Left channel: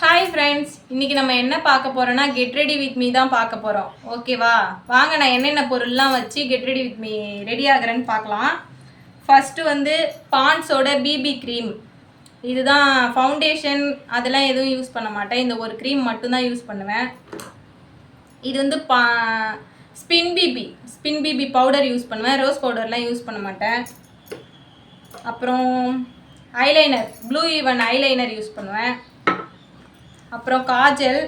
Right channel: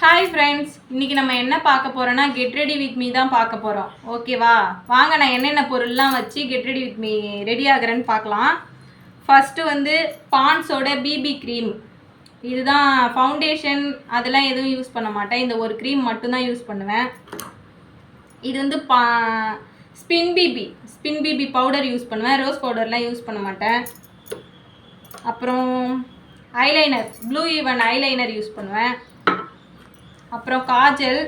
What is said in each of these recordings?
Hi friends, இன்றைக்கி நம்ம என்ன பார்க்க போகிறோன்னா கெட் ரெடி வித் மீ தான் பார்க்க போகிறோம். ஓகேவா? வாங்க நான் என்னென்ன பொருள்லாம் வச்சு get ready with me ready ஆகிறேன்னு பார்க்கலாம். ஃபஸ்ட்டு வந்து பான்ஸோட பிபி க்ரீம். இதுதான் ஃபவுண்டேஷன் அதெல்லாம் எதுவும் யூஸ் பண்ண மாட்டேன். இந்த ஒரு க்ரீம் மட்டும்தான் யூஸ் பண்ணுவேன். இது வந்து ஸ்பின் பிபி பவுடர் யூஸ் பண்ணுவேன். ரோஸ் பவுடர்லாம் யூஸ் பண்ண மாட்டேன். அப்புறம் eyeliner, blue even eyeliner use பண்ணுவேன். அப்புறம் காஜல்,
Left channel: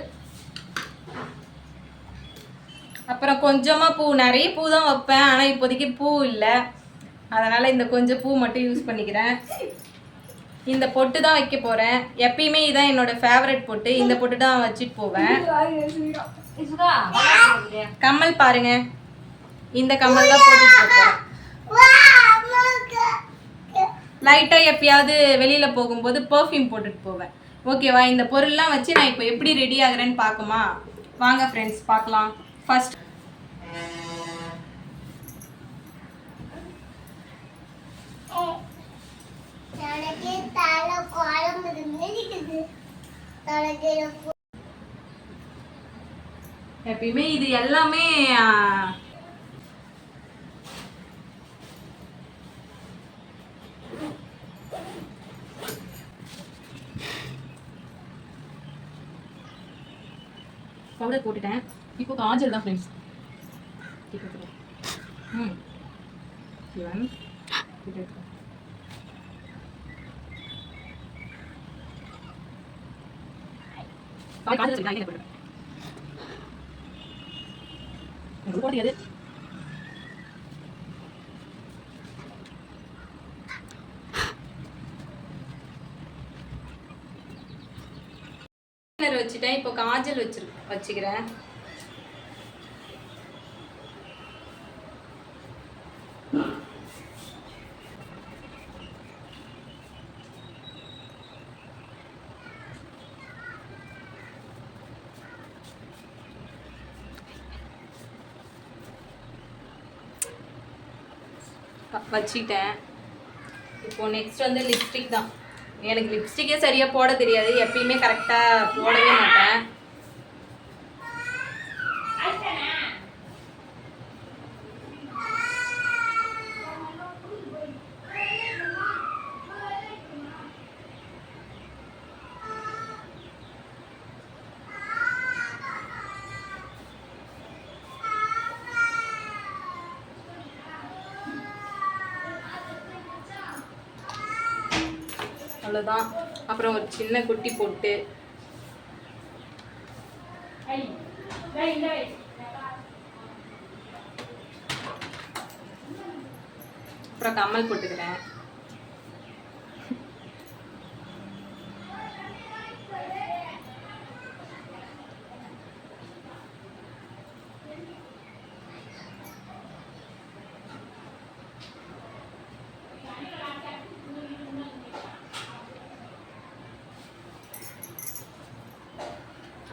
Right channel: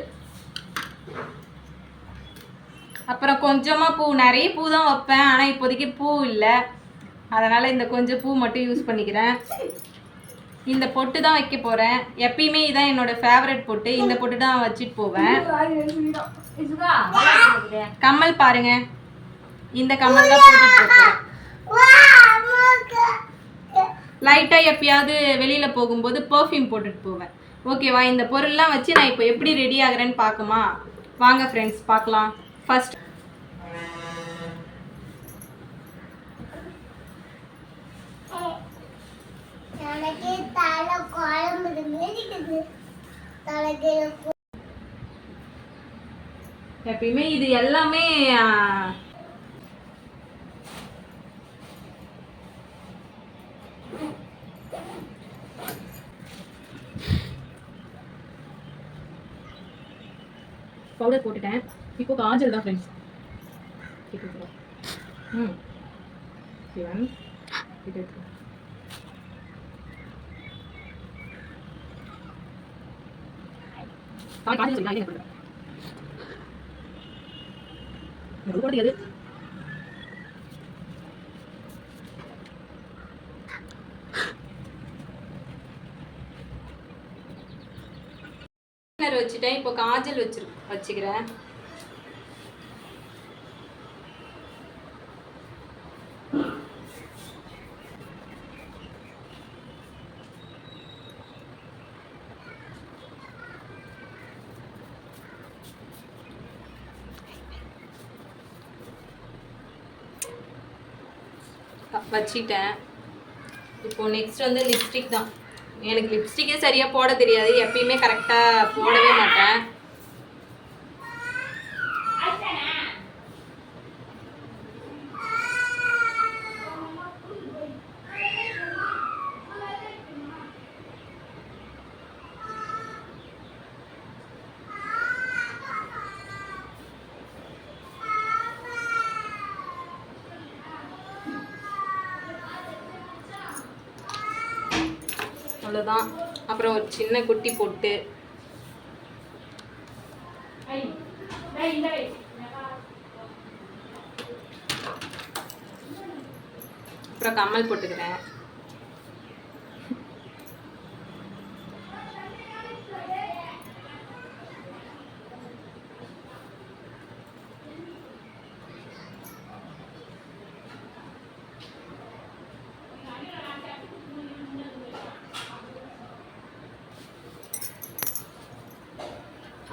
அப்புறம் கொஞ்சமாக பூ. நிறைய பூ தான் வைப்பேன், ஆனால் இப்போதைக்கு பூ இல்லை, அதனால் இந்த கொஞ்சம் பூ மட்டும் யூஸ் பண்ணிக்கிறேன். இந்த பொட்டு தான் வைக்க போகிறேன். எப்பயுமே இதான் என்னோடய ஃபேவரட் பொட்டு. இந்த பொட்டு தான் வச்சுட்டு போவேன். கம்மல் பாருங்க, இந்த கம்மல் தான் போட்டுட்டு போவேன். லைட்டாக எப்பயாவது வெளியில் போகும்போது பர்ஃப்யூம் போட்டுட்டு போவேன். ஓகேவா? இந்த பொருள்லாம் வச்சு நான் இப்போ எப்படி ரெடி ஆகுறேன்னு பார்க்குமா? வாங்க ஃப்ரெண்ட்ஸ் பார்க்கலாம். ஃபர்ஸ்ட் எப்பயுமே இது எல்லாமே பவுடர் போட்டுட்டேன். இப்போ காஜல் தான் ஃப்ரெண்ட்ஸ். வச்சுட்டேன். இப்போ காஜல் வச்சுக்கிறேன். வச்சுட்டேன். இப்போ நெக்ஸ்ட் வந்து லிப்ஸ்டிக் தான். எனக்கு லிப்ஸ்டிக்கே சரியாக போட தெரியாது. எப்பயுமே கரெக்டாக போடவே மாட்டேன். அவ்வளோதான். அப்புறம் ஒரு சின்ன குட்டி போட்டு அப்புறம் கம்மல் போட்டுக்கிறேன்.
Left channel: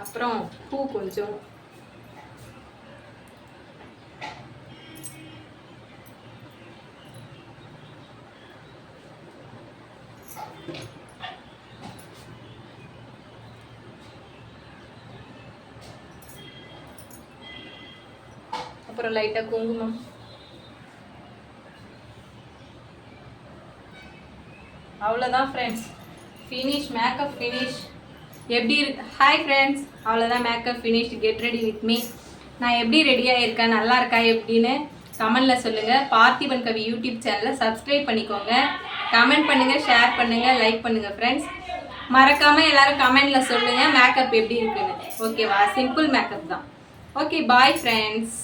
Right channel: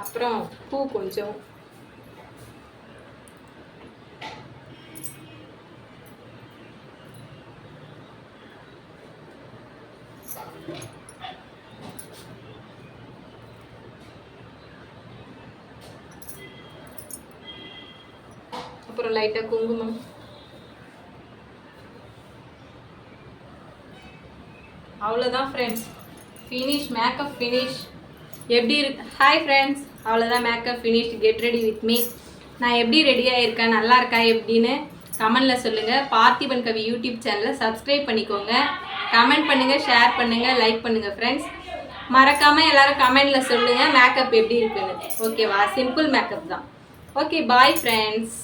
அப்புறம் பூ கொஞ்சம். அப்புறம் லைட்டாக குங்குமம். அவ்வளோதான் ஃப்ரெண்ட்ஸ், ஃபினிஷ், மேக்கப் ஃபினிஷ். எப்படி இருக்கு? ஹாய் ஃப்ரெண்ட்ஸ், அவ்வளோதான், makeup finish, get ready with me. நான் எப்படி ரெடியாக இருக்கேன், நல்லா இருக்கா எப்படின்னு கமெண்டில் சொல்லுங்கள். பார்த்திபன் கவி யூடியூப் சேனலை சப்ஸ்கிரைப் பண்ணிக்கோங்க. கமெண்ட் பண்ணுங்கள், ஷேர் பண்ணுங்கள், லைக் பண்ணுங்கள் ஃப்ரெண்ட்ஸ். மறக்காமல் எல்லோரும் கமெண்டில் சொல்லுங்கள் மேக்கப் எப்படி இருக்குன்னு. ஓகேவா? சிம்பிள் மேக்கப் தான். Okay, bye friends.